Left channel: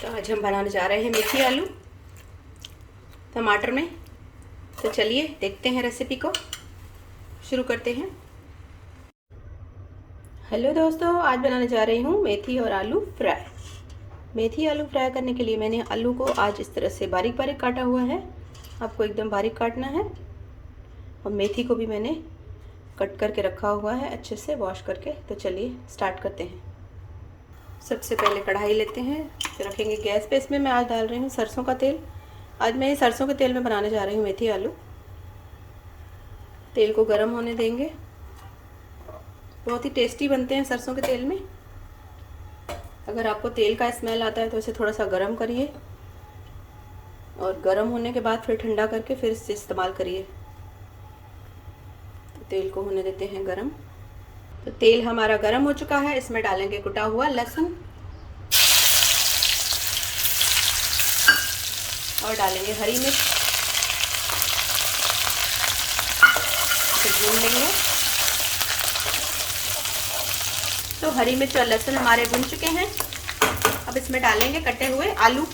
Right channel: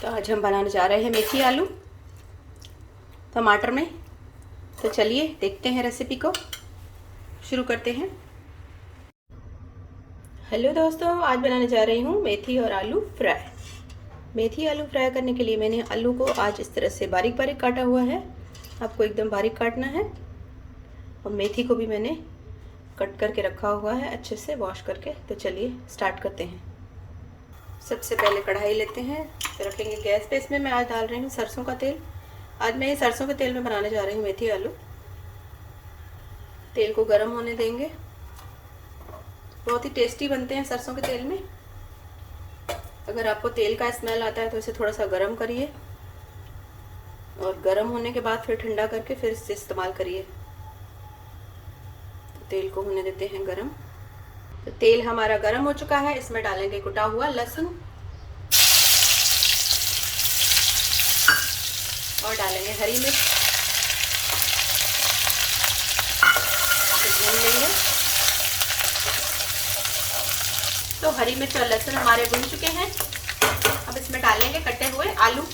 तो आज हम बनाने जा रहे हैं मेथी आलू टमाटर में। तो चलिए देखते हैं रेसिपी को, शुरू करते हैं। हेलो दोस्तों, आज बनाने जा रही हूँ मेथी और आलू फ्राई। मेथी आलू फ्राई करने के लिए मैंने आलू को आज इस तरह से बारीक बारीक काटा हुआ है। आपको एकदम बारीक काटना है। और मेथी को भी मैंने कट करके रखा हुआ है अच्छे से वॉश करके। तो चलिए स्टार्ट करते हैं। सबसे पहले कढ़ाई लेते हैं, तो रखेंगे गैस पे। इसमें मैं आज डाल रही हूँ सरसों का तेल। आज मैं सरसों के तेल में बनाने जा रही हूँ मेथी आलू। तेल को गर्म होने देंगे। बहुत ही टेस्टी बनते हैं सरसों के तेल में। अगर आपको तेल का स्मेल आता है तो इसे थोड़ा सा गर्म करिए, और गर्म होने के बाद फिर ठंडा करके फिर इसे इस्तेमाल करिए। तो तेल को होने देते हैं गर्म। तो तेल हमारा गर्म हो चुका है। इसमें डालेंगे कुटा हुआ लहसुन और डालेंगे हरी मिर्च। भून लेंगे। तो हरी मिर्च और लहसुन हमारे भून चुके हैं। अब इसमें डालेंगे कटे हुए आलू।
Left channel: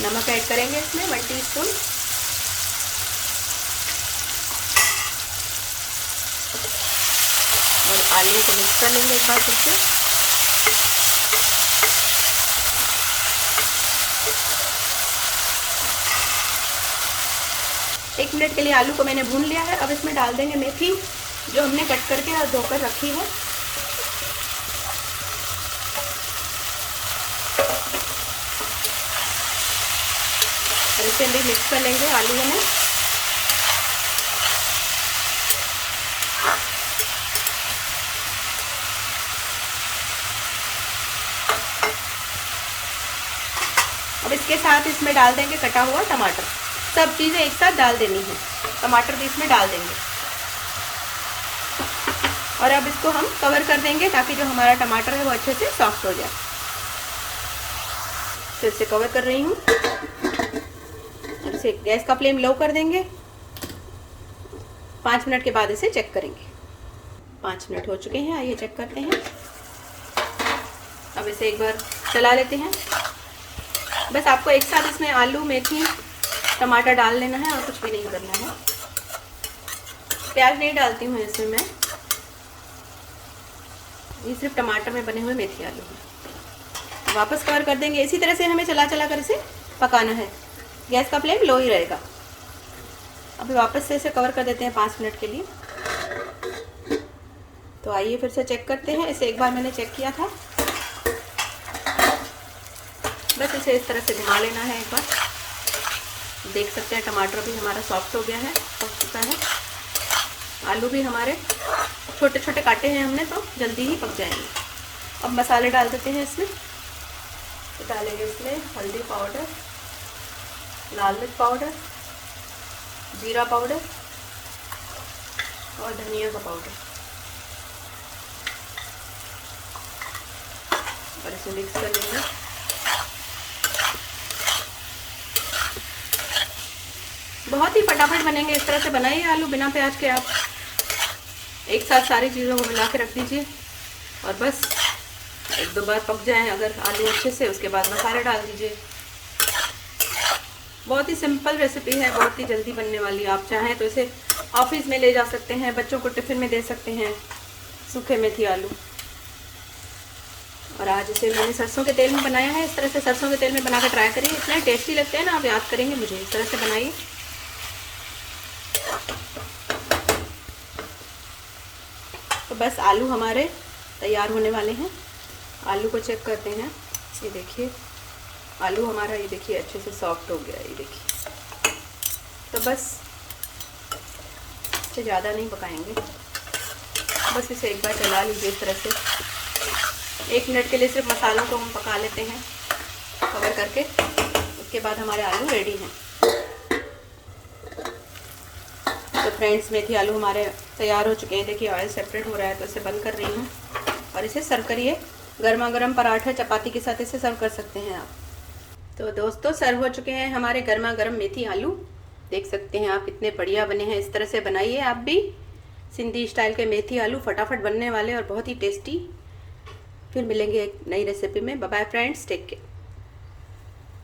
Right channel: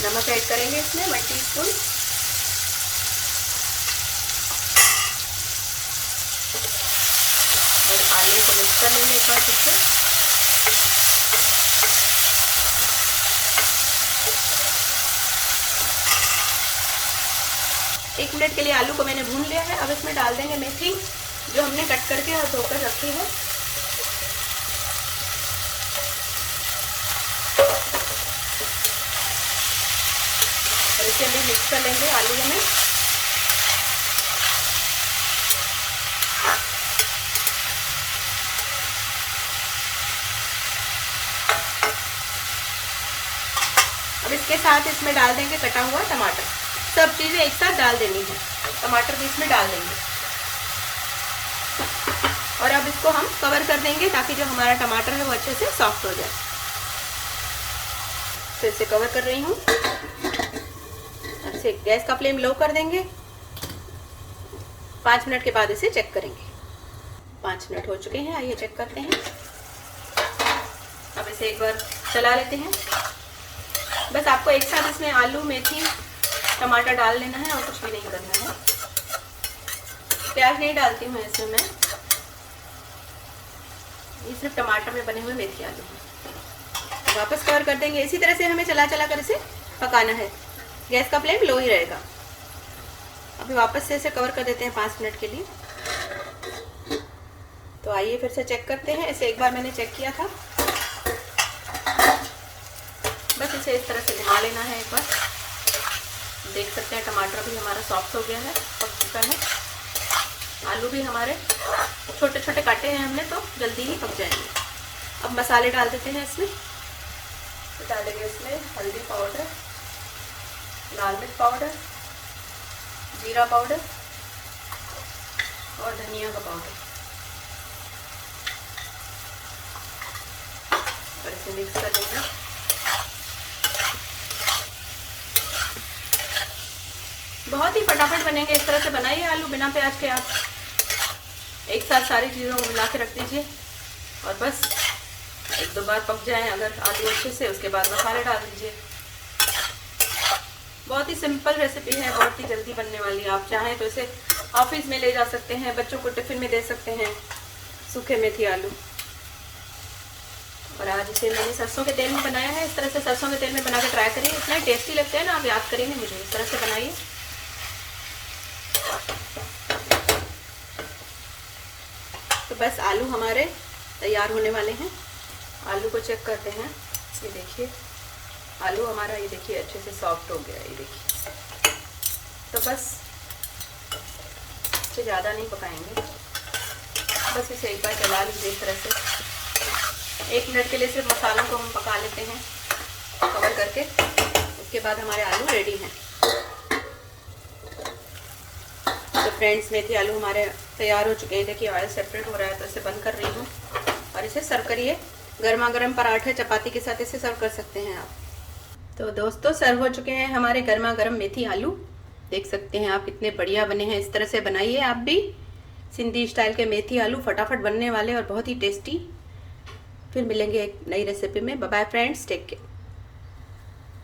नमक ऐड करेंगे इसमें 1 टीस्पून। और आलू को मिक्स कर लेंगे एक बार फिर से। एक मिनट के लिए आलू को मैंने भून लिया है। अब इसमें डाल देंगे मेथी जो हमने कट करके और धोकर रखी है। और इसे भी मिक्स कर लेंगे आलू में। अब इसके साथ इसमें डाल देंगे कटा हुआ टमाटर। सब चीज़ें एक साथ डाल देनी है। टमाटर भी इसमें डाल देंगे। और अब इसको हम कवर कर देंगे ताकि जो हमारा टमाटर है वो अच्छे से सॉफ्ट हो जाए। तो इसे कवर कर रही हूँ। अब इसे गैस का फ्लेम लो कर देंगे। 5 मिनट के बाद इसे चेक करेंगे। 5 मिनट हो चुके हैं, आइए चेक करते हैं। अब इसे एक बार चला लेते हैं। बस आपको एक साथ इसमें आलू मेथी टमाटर डाल लेना है और कुछ भी नहीं करना है। प्याज नहीं डालती हूँ इसमें मैं, ये सिर्फ टमाटर में बने हुए मेथी आलू हैं। वापस कवर कर देंगे। इसी तरह से हमें चला चला कर इसे पकाना है। गैस का फ्लेम लो ही रहेगा। अभी वापस से इसे कवर कर देते हैं 5 मिनट के लिए। तो आइए फिर से चेक करते हैं। इसे एक बार मैंने चेक किया था। बस इसे इस तरह से घुमा लेना है एक बार। देख सकते हैं टमाटर भी हमारा सॉफ्ट हो गया है, पक चुका है। आलू भी हमारे छोटे छोटे काटे हैं हमने, तो जल्दी ही पक जाएंगे। अब मसाले डाल देते हैं इसमें। तो डालेंगे इसमें हल्दी पाउडर, लाल मिर्च पाउडर, जीरा पाउडर और धनिया का पाउडर। और इसे मिक्स कर लेंगे। बहुत ही फटाफट बनेंगे। इस तरह से बनाइए आलू बिना प्याज के। आप एक साथ सारी चीज़ों को मिला के रख दीजिए और बस 1-2 बार पक जाएं अगर आलू अच्छे से, उसके बाद मसाले डाल दीजिए। बहुत ही सिंपल रेसिपी है, बहुत ही जल्दी बनने वाली है। आप चाहें तो इसे ऑफिस में ले जा सकते हैं, बच्चों को टिफ़िन में दे सकते हैं, सूखे मेथी आलू। और आज इसे मैंने सरसों के तेल में बनाया है। इस तरह से सरसों के तेल में बना कर ट्राई करिए, इतने टेस्टी लगते हैं ना, आप याद करेंगे मुझे। इस तरह से बनाइए। तो बस आलू हमारे तैयार होने वाले हैं। आलू को चेक करते हैं। ये देखिए आलू हमारा, ये देखिए अच्छे से सॉफ्ट हो गया। ये देखिए। तो बस इसे ज़्यादा नहीं पकाएंगे। बस इसे एक बार चला लीजिए इस तरह से। 1 मिनट के लिए सिर्फ मसालों को हम पका लेते हैं कवर करके। उसके बाद हमारे आलू रेडी हैं। तो फ्रेंड्स, मेथी आलू हमारे तैयार हो चुके हैं। देखिए ऑयल सेपरेट हो रहा है, तो इसे बंद कर रही हूँ और इसे सर्व करिए। गर्मा गर्म पराठे चपाती के साथ इसे सर्व कर सकते हैं आप। तो दोस्तों सर्व हो चुके हैं हमारे गर्मा गर्म मेथी आलू। देख सकते हैं आप कितने बढ़िया बने हैं। इस तरह से बनाइए आप भी सिंधी स्टाइल के मेथी आलू, फटाफट बनने वाले और बहुत ही टेस्टी। फिर मिलेंगे एक नई रेसिपी में। Bye bye friends, take care.